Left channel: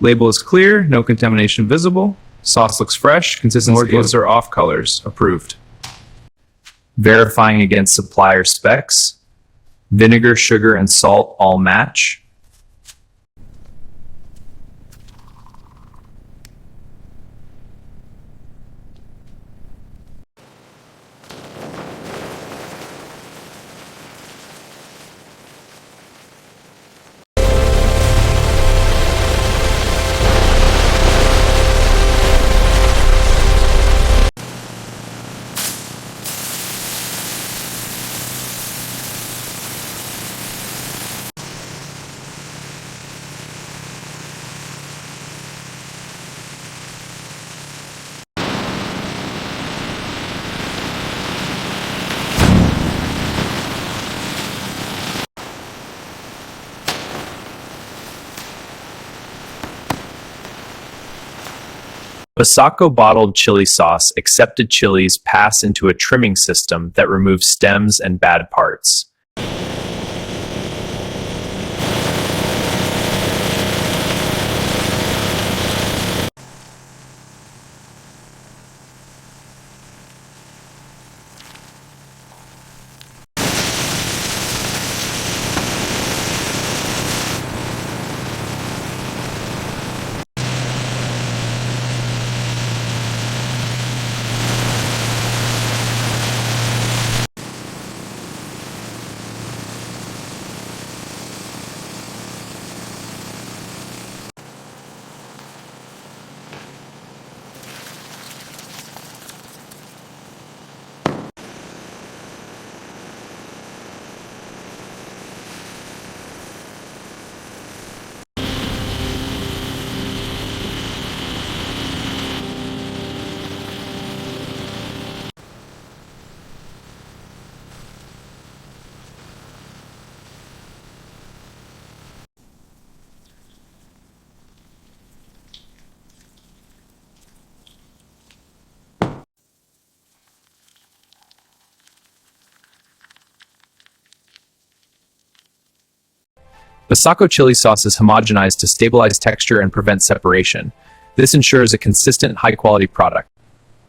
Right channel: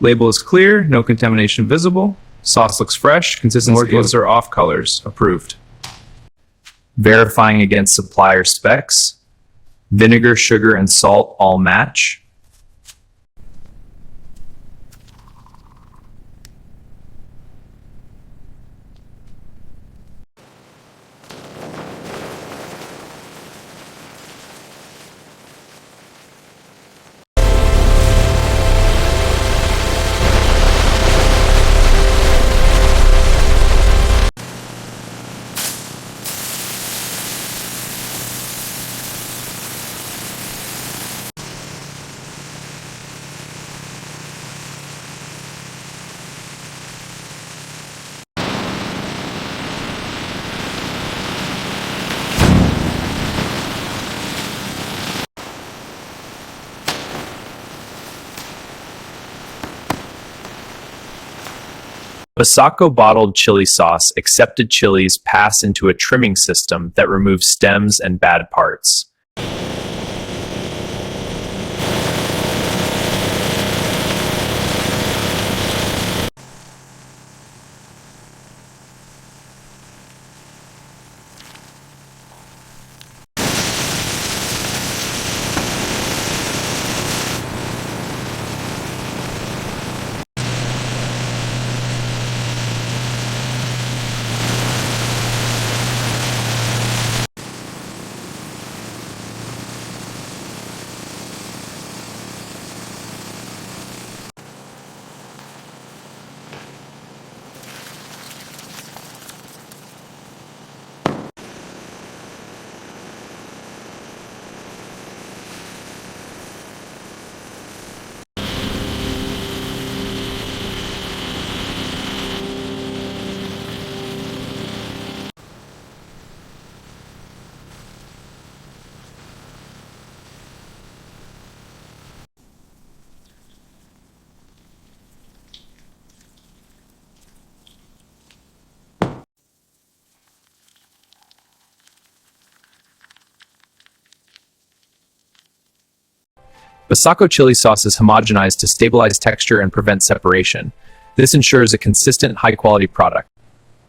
Label is clear, no contamination visible. Sauce looks fresh, consistency are off colors. Approved. Verifying against supplier specs. Vinegar, sugar, and salt all match. BASACO bottled chili sauce accepted chilies pass into a trimming system that removes stems and bad parts. BASACO chili sauce is homogenized to stabilize texture and prevent separation. This ensures a consistent, high-quality product.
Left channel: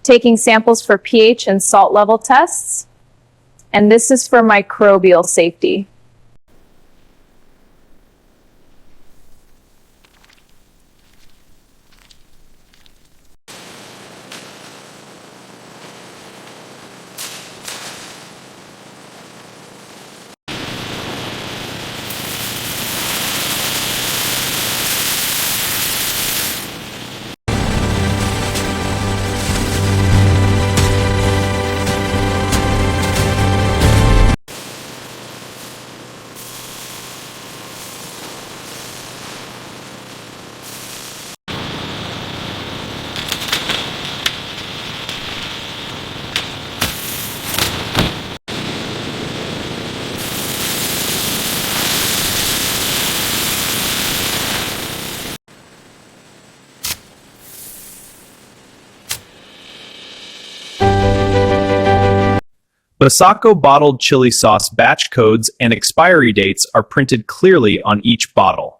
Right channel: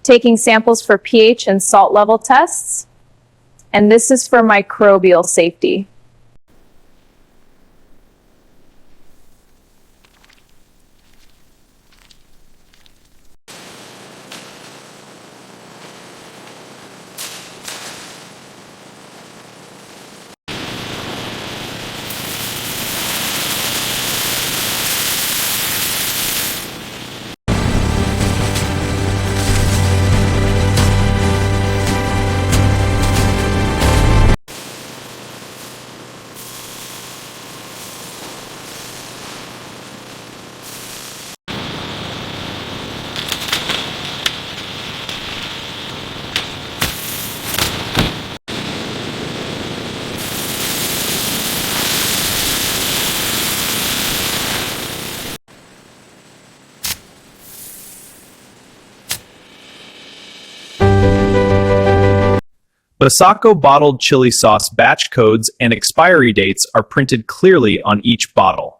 Taking samples for pH and salt level tests, and this is for microbial safety. BASACO bottled chili sauce batch codes and expiry dates are printed clearly on each bottle.